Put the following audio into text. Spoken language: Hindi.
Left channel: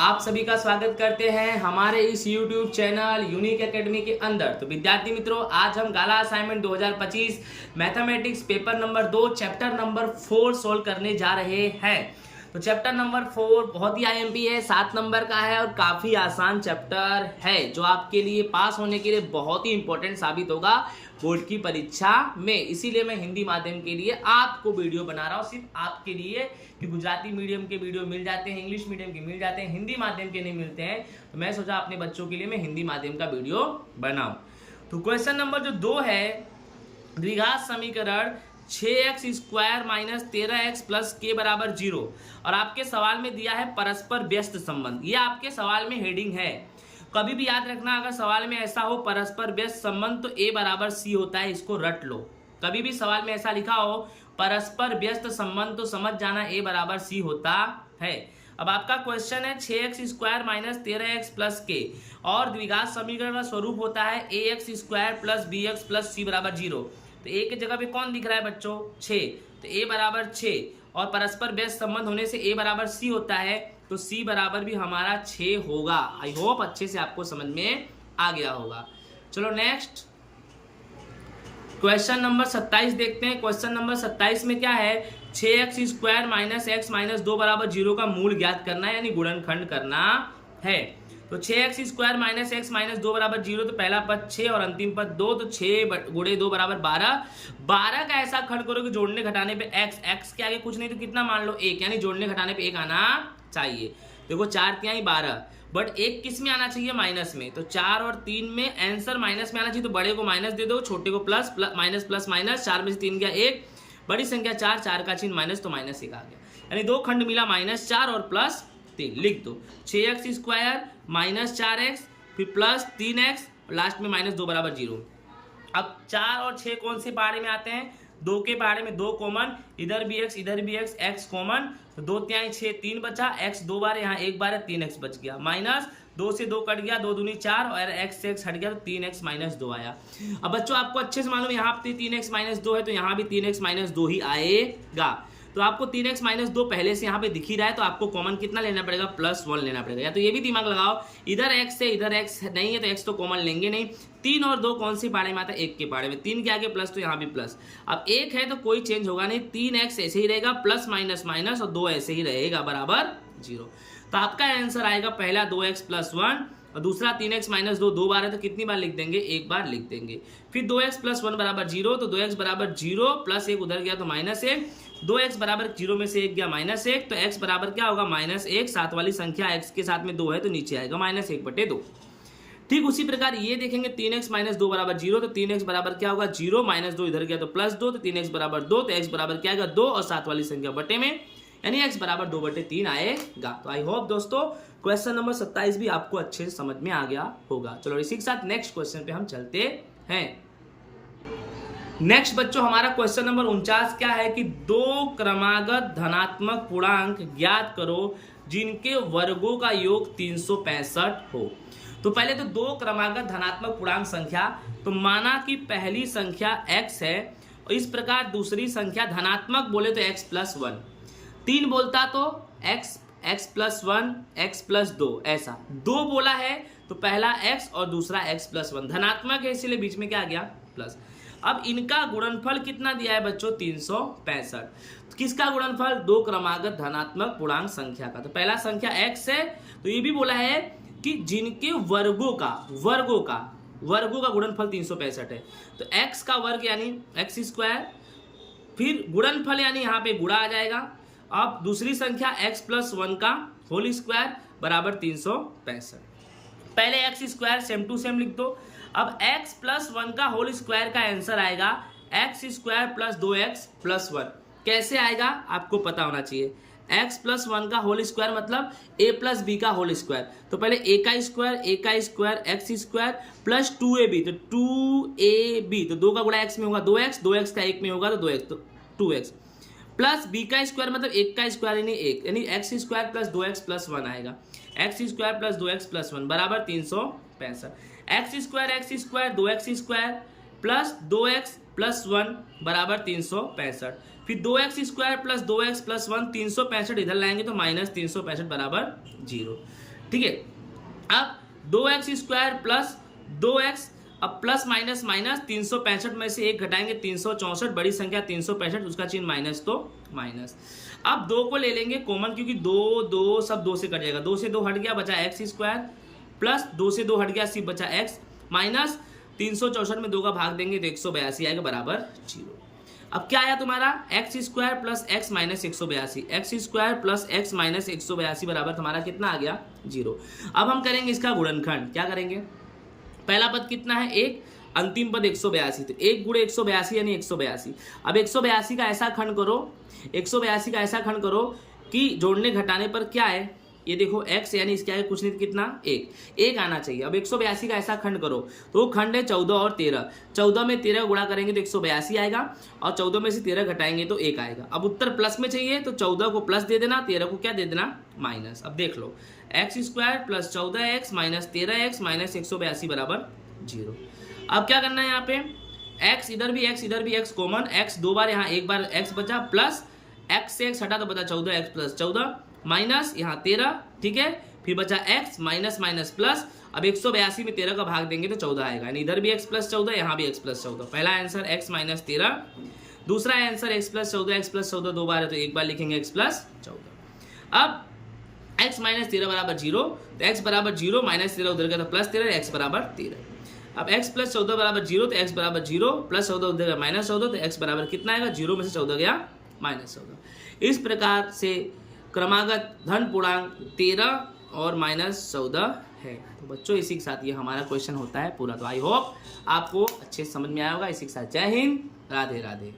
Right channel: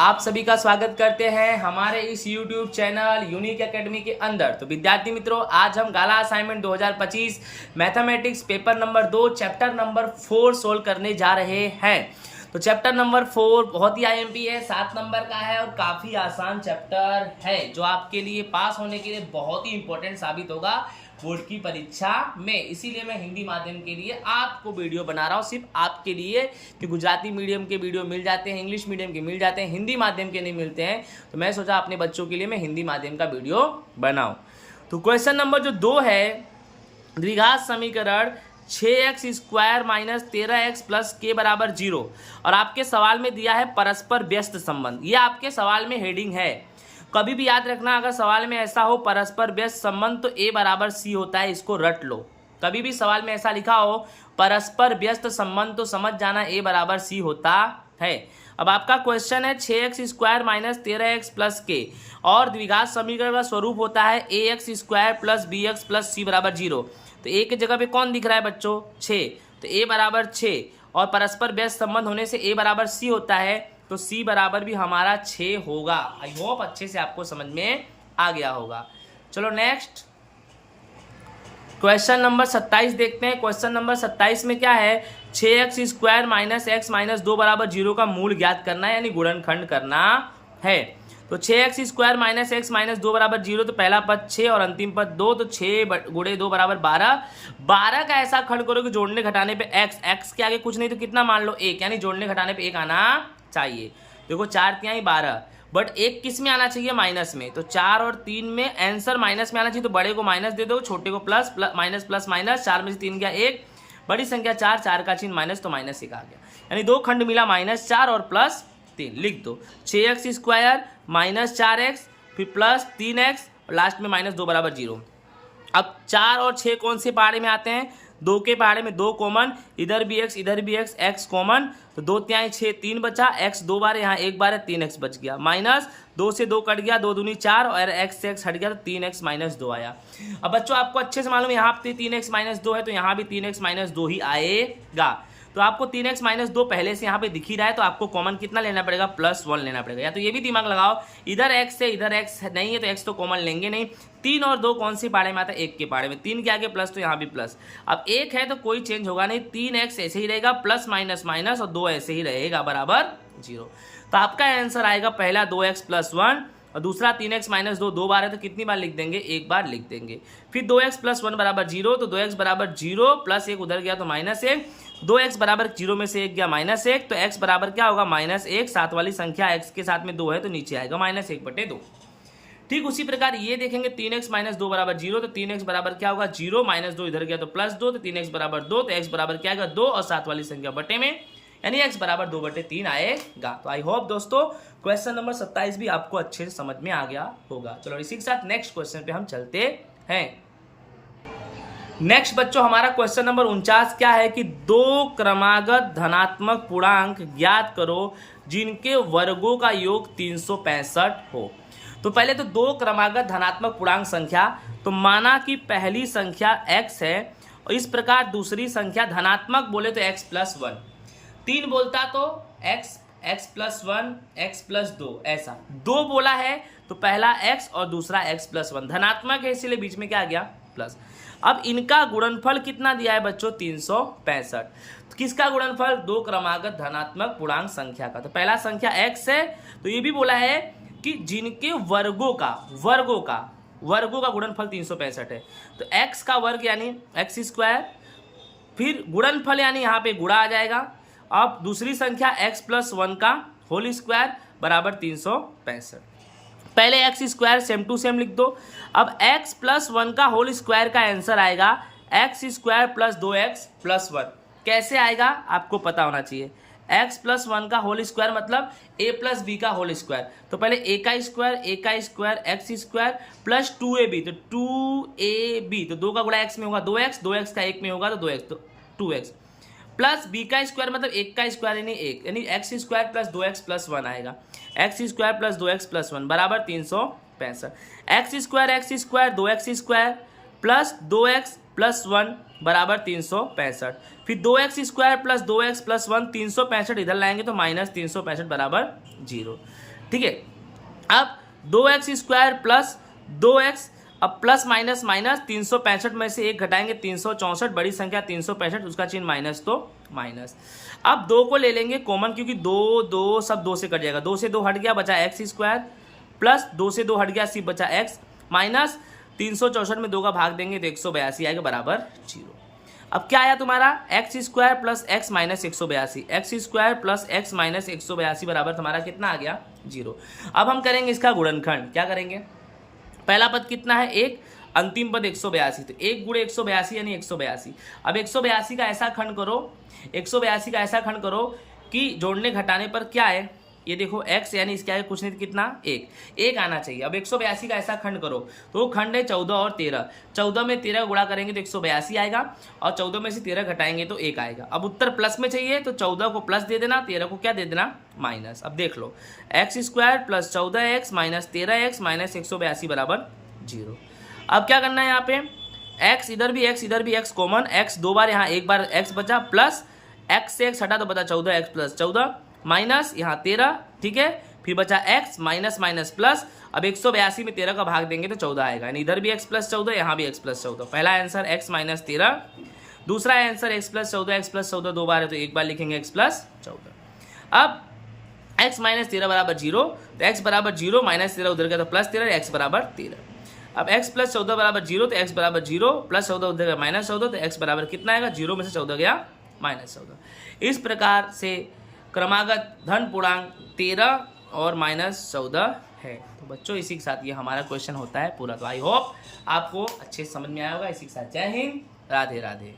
आप सभी का स्वागत करते हैं हमारे इस YouTube चैनल यूनिक एकेडमी के अंदर। तो विद्यार्थी मित्रों, आज हम Gala assignment 2025 mathematics paper number 2 chapter number 4 solve करने जा रहे हैं। तो चैप्टर नंबर 4 बहुत ही आईएमपी है, 7 नंबर का है और काफी आसान चैप्टर है जो आपके लिए पास होने के लिए बहुत ही इंपॉर्टेंट साबित होगा बोर्ड की परीक्षा में। इसीलिए मैं हिंदी माध्यम के लिए आपको वीडियो बना रहा हूँ, सिर्फ आपके लिए, कि गुजराती मीडियम के वीडियो मिल जाते हैं, इंग्लिश मीडियम के मिल जाते हैं, हिंदी माध्यम के नहीं मिलते हैं। तो मैं सोचा अपने बच्चों के लिए मैं हिंदी माध्यम का वीडियो बनाऊं। तो क्वेश्चन नंबर जो 2 है, द्विघात समीकरण 6x² माइनस 13x प्लस के बराबर 0 और आपके सवाल में दिया है परस्पर व्यस्त संबंध। ये आपके सवाल में हेडिंग है। कभी भी याद रखना, अगर सवाल में ऐसा हो परस्पर व्यस्त संबंध तो a बराबर c होता है, इसको रट लो। कभी भी सवाल में ऐसा लिखा हो परस्पर व्यस्त संबंध तो समझ जाना a बराबर c होता है। अब आपका क्वेश्चन है 6x² माइनस 13x प्लस के और द्विघात समीकरण का स्वरूप होता है ax² plus bx plus c बराबर 0। तो a के जगह पे कौन दिख रहा है बच्चों? 6। तो a बराबर 6 और परस्पर व्यस्त संबंध होने से a बराबर c होता है, तो c बराबर भी हमारा 6 होगा। आई होप अच्छे से आपको समझ में आ गया होगा। चलो नेक्स्ट क्वेश्चन नंबर 27 देखते हैं। क्वेश्चन नंबर 27 में क्या है, 6x² माइनस x माइनस 2 बराबर 0 का मूल ज्ञात करना है, यानी गुणनखंड करना है। तो 6x² माइनस x माइनस 2 बराबर 0, तो पहला पद 6 और अंतिम पद 2, तो 6 गुणे 2 बराबर 12। 12 का ऐसा खंड करो कि जोड़ने घटाने पे x के आगे कुछ नहीं तो कितना मान लो 1, यानी जोड़ने घटाने पे 1 आना चाहिए। देखो 4 तिहाई 12, बट 1 किस में आना चाहिए? माइनस में। तो 4 और 3 में आंसर माइनस में आना चाहिए, तो बड़े को माइनस दे दो, छोटे को प्लस, माइनस प्लस माइनस, 4 में से 3 गया 1, बड़ी संख्या 4, 4 का चिन्ह माइनस, तो माइनस 1 आ गया, यानी 2 खंड मिला -4 और +3। लिख दो 6x² माइनस 4x फिर प्लस 3x लास्ट में माइनस 2 बराबर 0। अब 4 और 6 कौन से पहाड़े में आते हैं? 2 के पहाड़े में 2 कॉमन, इधर भी x इधर भी x कॉमन, तो 2 तिहाई 6, 3 बचा, x 2 बार यहाँ 1 बार है, 3x बच गया, माइनस 2 से 2 कट गया, 2 दूनी 4 और x से x हट गया, तो 3x माइनस 2 आया। अब बच्चों आपको अच्छे से मालूम है यहाँ पे 3x माइनस 2 है, तो यहाँ भी 3x माइनस 2 ही आएगा। तो आपको 3x माइनस 2 पहले से यहाँ पे दिख ही रहा है, तो आपको कॉमन कितना लेना पड़ेगा? +1 लेना पड़ेगा। या तो ये भी दिमाग लगाओ, इधर x है इधर x नहीं है तो x तो कॉमन लेंगे नहीं। 3 और 2 कौन सी पाड़े में आता है? 1 के पाड़े में। 3 के आगे प्लस, तो यहाँ भी प्लस। अब 1 है तो कोई चेंज होगा नहीं, 3x ऐसे ही रहेगा, प्लस माइनस माइनस, और 2 ऐसे ही रहेगा बराबर 0। तो आपका आंसर आएगा पहला 2x + 1 और दूसरा 3x माइनस 2, 2 बार है तो कितनी बार लिख देंगे? 1 बार लिख देंगे। फिर 2x + 1 बराबर 0, तो 2x बराबर 0 प्लस 1 उधर गया तो -1, 2x बराबर 0 में से 1 गया -1, तो x बराबर क्या होगा? -1। साथ वाली संख्या x के साथ में 2 है तो नीचे आएगा -1/2। ठीक उसी प्रकार ये देखेंगे 3x माइनस 2 बराबर 0, तो 3x बराबर क्या होगा? 0 -2 इधर गया तो +2, तो 3x बराबर 2, तो x बराबर क्या आएगा? 2 और साथ वाली संख्या बटे में, यानी x बराबर 2/3 आएगा। तो आई होप दोस्तों क्वेश्चन नंबर 27 भी आपको अच्छे से समझ में आ गया होगा। चलो इसी के साथ नेक्स्ट क्वेश्चन पे हम चलते हैं। नेक्स्ट बच्चों हमारा क्वेश्चन नंबर 49 क्या है कि 2 क्रमागत धनात्मक पूर्णांक ज्ञात करो जिनके वर्गों का योग 365 हो। तो पहले तो 2 क्रमागत धनात्मक पूर्णांक संख्या, तो माना कि पहली संख्या x है और इस प्रकार दूसरी संख्या धनात्मक बोले तो x + 1, 3 बोलता तो x + 1 x + 2, ऐसा 2 बोला है तो पहला x और दूसरा x + 1 धनात्मक है, इसलिए बीच में क्या आ गया? प्लस। अब इनका गुणनफल कितना दिया है बच्चों? 365। किसका गुणनफल? 2 क्रमागत धनात्मक पूर्णांक संख्या का। तो पहला संख्या x है, तो ये भी बोला है कि जिनके वर्गों का गुणनफल 365 है, तो x का वर्ग यानी x², फिर गुणनफल यानी यहाँ पे गुणा आ जाएगा। अब दूसरी संख्या x + 1 का होल स्क्वायर बराबर 365। पहले x² सेम टू सेम लिख दो। अब x + 1 का होल स्क्वायर का आंसर आएगा x² + 2x + 1। कैसे आएगा आपको पता होना चाहिए। x + 1 का होल स्क्वायर मतलब a + b का होल स्क्वायर, तो पहले a का स्क्वायर x² प्लस 2ab, तो 2ab, तो 2 का गुणा x में होगा 2x, 2x का 1 में होगा तो 2x, तो 2x प्लस b का स्क्वायर मतलब 1 का स्क्वायर यानी 1, यानी x² + 2x + 1 आएगा। x² + 2x + 1 बराबर 365। x² 2x² प्लस 2x + 1 बराबर 365। फिर 2x² + 2x + 1 365 इधर लाएंगे तो -365 बराबर 0। ठीक है। अब 2x स्क्वायर प्लस 2x, अब प्लस माइनस माइनस 365 में से एक घटाएंगे 364, बड़ी संख्या 365, उसका चिन्ह माइनस तो माइनस। अब 2 को ले लेंगे कॉमन, क्योंकि 2 2 सब 2 से कट जाएगा, 2 से 2 हट गया, बचा एक्स स्क्वायर, प्लस 2 से 2 हट गया, सिर्फ बचा एक्स, माइनस 364 में 2 का भाग देंगे तो 182 आएगा बराबर 0। अब क्या आया तुम्हारा, x square plus x minus 182, x square plus x minus 182 बराबर तुम्हारा कितना आ गया 0। अब हम करेंगे इसका गुणनखंड, क्या करेंगे, पहला पद कितना है 1, अंतिम पद 182, तो 1 गुणे 182 यानी 182। अब 182 का ऐसा खंड करो, 182 का ऐसा खंड करो कि जोड़ने घटाने पर क्या है, ये देखो x यानी इसका है कुछ नहीं कितना 1 आना चाहिए। अब 182 का ऐसा खंड करो, तो खंड है 14 और 13, 14 में 13 गुणा करेंगे तो 182 आएगा, और 14 में से 13 घटाएंगे तो 1 आएगा। अब उत्तर प्लस में चाहिए तो 14 को प्लस दे देना, 13 को क्या दे देना माइनस। अब देख लो x square plus 14x minus 13x minus 182 बराबर 0। अब क्या करना है, यहाँ पे x इधर भी x कॉमन, x 2 बार, यहाँ 1 बार x बचा, प्लस x से x हटा तो बचा 14x प्लस 14 माइनस यहाँ 13, ठीक है, फिर बचा x माइनस माइनस प्लस। अब 182 में 13 का भाग देंगे तो 14 आएगा, यानी इधर भी x प्लस 14, यहाँ भी x प्लस 14। पहला आंसर x माइनस 13, दूसरा आंसर x प्लस 14 2 बार है तो एक बार लिखेंगे x प्लस 14। अब x माइनस 13 बराबर 0, तो x बराबर 0, माइनस 13 उधर गया तो प्लस 13, x बराबर 13। अब x प्लस 14 बराबर 0, तो x बराबर 0, प्लस 14 उधर गया माइनस 14, तो x बराबर कितना आएगा, 0 में से 14 गया माइनस 14। इस प्रकार से क्रमागत धन पूर्णांक 13 और माइनस 14 है। तो बच्चों इसी के साथ ये हमारा क्वेश्चन होता है पूरा। तो आई होप आपको अच्छे से समझ में आया होगा। इसी के साथ जय हिंद, राधे राधे।